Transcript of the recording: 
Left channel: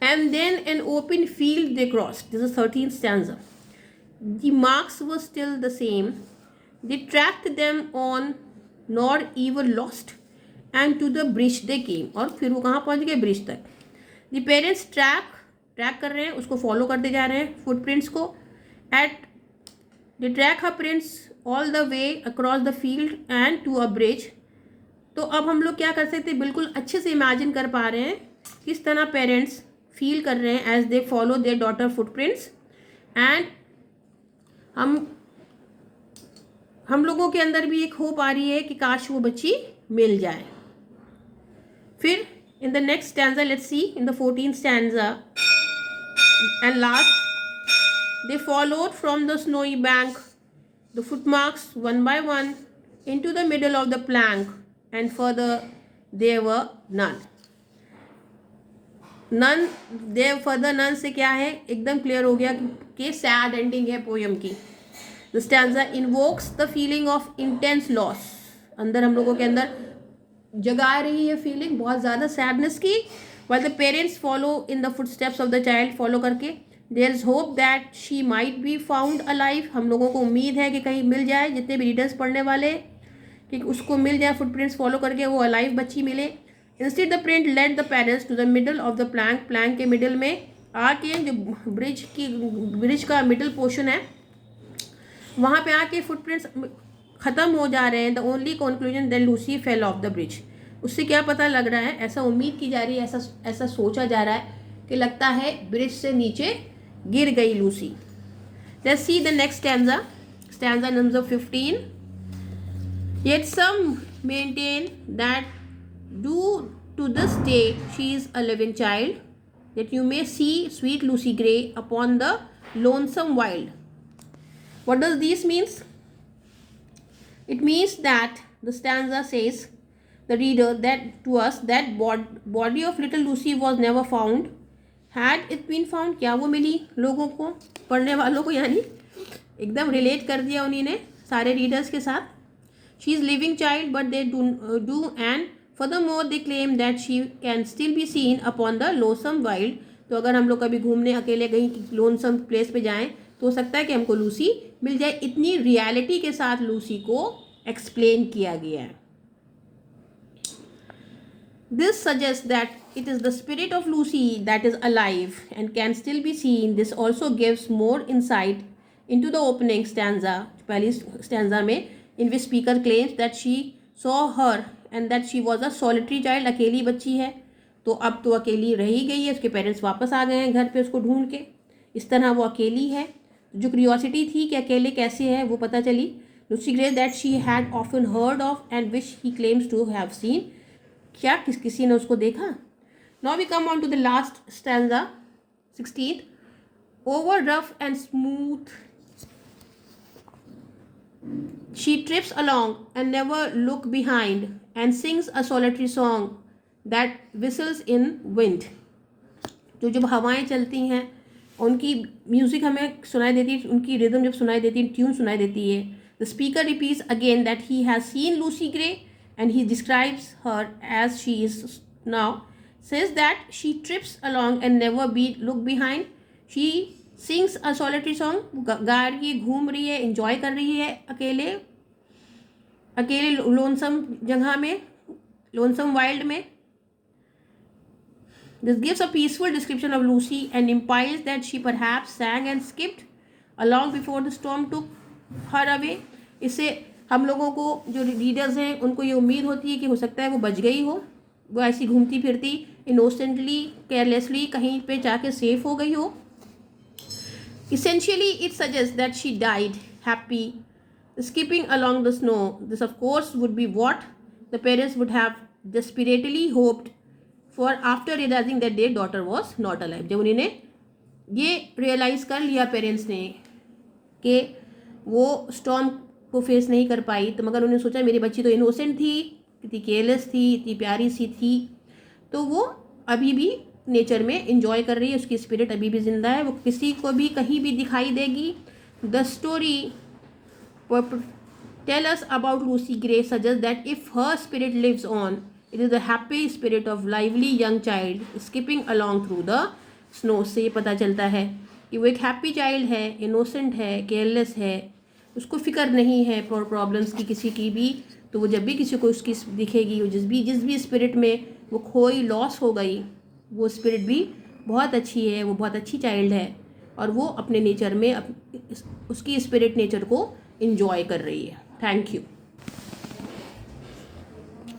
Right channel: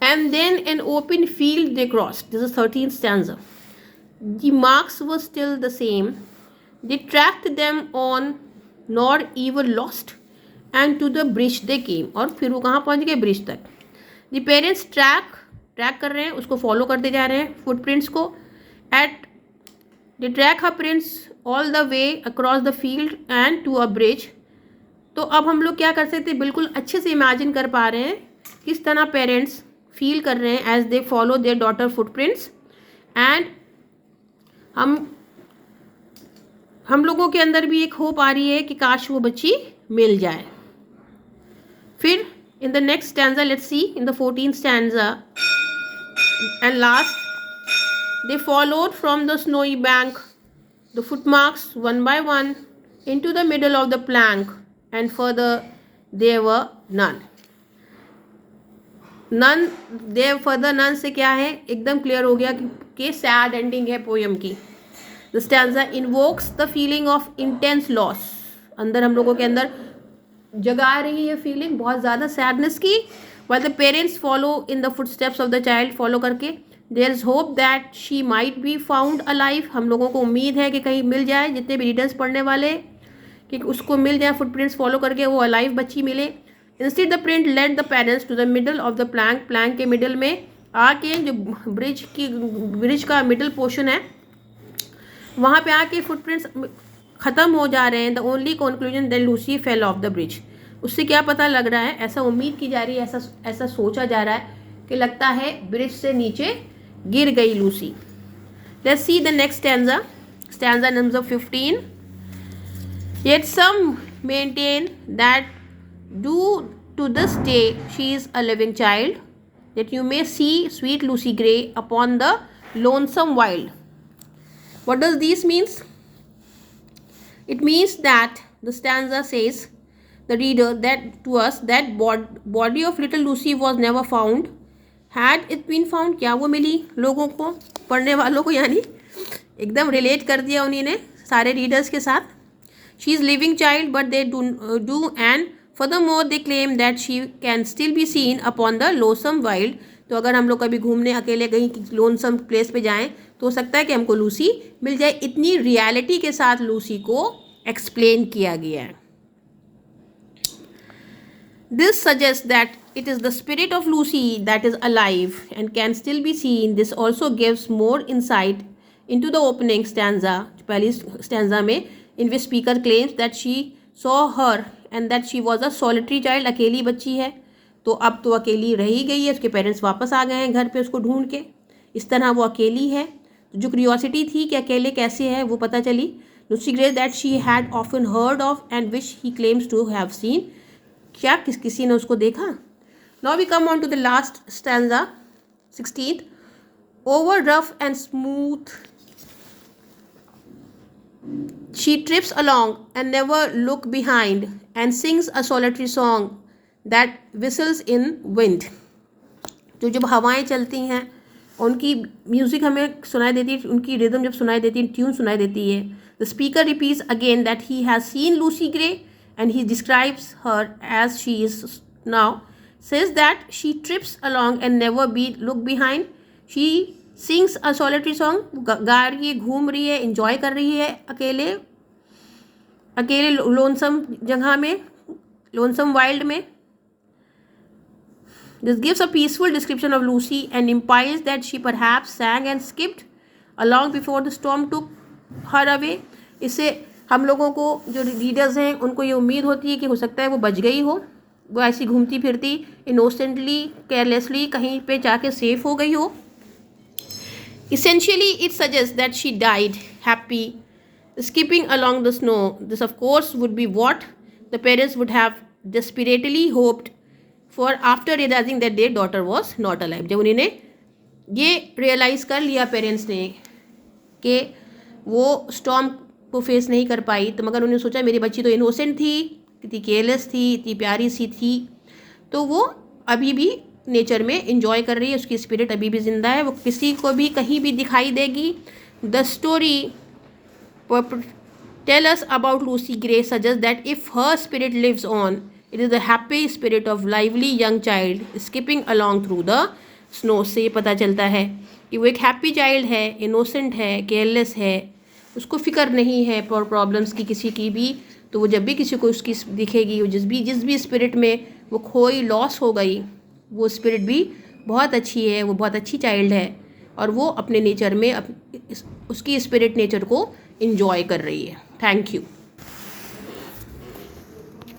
And then an open field they crossed. This is 13th stanza. The marks were still the same. They tracked them on, nor even lost. And to the bridge they came. और फिर वो कहाँ पहुँच गए? Bridge तक. The parents track कर रहे हैं, उसको फॉलो करते जा रहे हैं फुटप्रिंट्स को. At they track her prints all the way across the field and to a bridge. तो अब हम लोग क्या कर सकते हैं, बिल्कुल अच्छे से इमेजिन कर पा रहे हैं किस तरह पेरेंट्स फील कर रहे हैं as they follow their daughter footprints. And हम लोगों के अंदर भी एक होप आ रही है कि काश वो बच्ची मिल जाए. फिर in the next stanza, let's see, in the 14th stanza and last, they followed from the snowy bank the footmarks one by one into the middle of the plank, and further there were none. none से क्या है, एकदम clear हो गया कि sad ending है poem की. The stanza invokes the feeling of intense loss. अंदर हम लोगों के अंदर जगा रही है फीलिंग बहुत ज़्यादा सैडनेस की. while the parents follow in the footsteps of the child, follow करके there is hope that she might be found alive. हम लोगों को उम्मीद है कि कहीं मिल जाए, जितने भी रीडर्स पढ़ने वाले, कि उसको मिल जाए फुटप्रिंट्स फॉलो करके वो अलाइव बच्ची मिले. Instead the print led the parents to the middle of the plank के मिडल में आके, जो ब्रिज का मिडल पोर्शन है वहाँ पे आके फुटप्रिंट्स ख़त्म हो जा रहे हैं. The only conclusion that Lucy fell off the bridge. उससे क्या पता लग रहा है, ऐसा उम्मीद की जा रही है, ऐसा सोचा जा रहा है कि लगता है ब्रिज से नीचे गिर गई Lucy. Let's see the next stanza number 15. Yet some maintain that due to this day she is a living child, that you may see sweet Lucy Gray upon the lonesome wild. What does this means? It means that the stanza says the reader that to us that body of little Lucy was never found. Had it been found, क्या वो मिली लोगों को, पढ़ने वालों को, यानी एकदम relate कर दिया उन्हीं ने सारे रीडर्स के साथ. She is living child, but they do and furthermore they claim that she can still be seen upon the lonesome wild. तो अगर हम लोग कभी घूमने अकेले कहीं लोनसम प्लेस पे जाएं तो हो सकता है कि हमको लूसी मिल जाए. इतनी रियलिटी के साथ लूसी को एक्सप्लेन किया गया है. This suggests that it is the spirit of Lucy that is alive and can still be seen. This also gives more insight into the opening stanza, पहली स्टैंजा में, in which speaker claims that she saw her and that she was a solitary child. अकेली बच्ची है, तो अब तो अकेली रही गई है, उसके पेरेंट्स वापस आ गए हैं घर पे उसको ढूंढ के. इस तरह वो अकेली है. जो क्यूरियोसिटी थी कि अकेले कैसे है वो पता चली. Lucy Gray that she had often heard of and which he claims to have seen. क्या किसी ने उसको देखा. Now we come on to the last stanza, 16th. Over rough and smooth she trips along and never look behind and sings a solitary song that whistles in wind. तो जब हवाएं चलती हैं उनकी म्यूज़िक हमें सुनाई देती है, उनकी रिदम जब सुनाई देती है, ट्यून सुनाई देती है. The speaker repeats again that he has seen Lucy Gray and he describes her as she is now. Says that she trips along and never look behind. She sings a solitary song, गा रही है, घूम रही है, enjoy कर रही है अकेले लोनसम जगह में, लोनसम वाइल्ड में. This gives a peaceful description of Lucy and implies that she perhaps sang and skipped along before the storm took her away. इससे हम लोगों को, जो रीडर्स हैं, उनको ये उम्मीद होती है कि हो सकता है वो बच गई हो, वो ऐसी घूमती फिरती इनोसेंटली केयरलेसली कहीं पे जाके सेफ हो गई हो. Essentially, it suggests that she died happy, skipping along the snow. This, of course, would be what the parents would have desperately hoped for after realizing that their daughter was not alive. जब उन्होंने ये realise कर लिया parents ने कि वो storm को face नहीं कर पाई, तो मगर उन्होंने सोचा मेरी बच्ची तो इनोसेंट थी, इतनी केयरलेस थी, इतनी प्यारी सी थी, तो वो अभी भी नेचर में इंजॉय कर रही है, उसकी स्पिरिट अभी भी जिंदा है, वो किसी को भी कहीं भी दिखाई देगी. The story tell us about Lucy Gray suggest that if her spirit lives on, it is the happy spirit of lively young child skipping along through the snow से ये पता चलता है कि वो एक हैप्पी चाइल्ड है, इनोसेंट है, केयरलेस है, उसको फिक्र नहीं है प्रॉब्लम्स की किसी की भी। तो वो जब भी किसी को उसकी दिखेगी, वो जिस भी स्पिरिट में वो खोई लॉस हो गई, वो स्पिरिट भी बहुत अच्छी है, वो बहुत अच्छी चाइल्ड है और वो अपने नेचर में उसकी स्पिरिट नेचर को इंजॉय कर रही है। Thank you.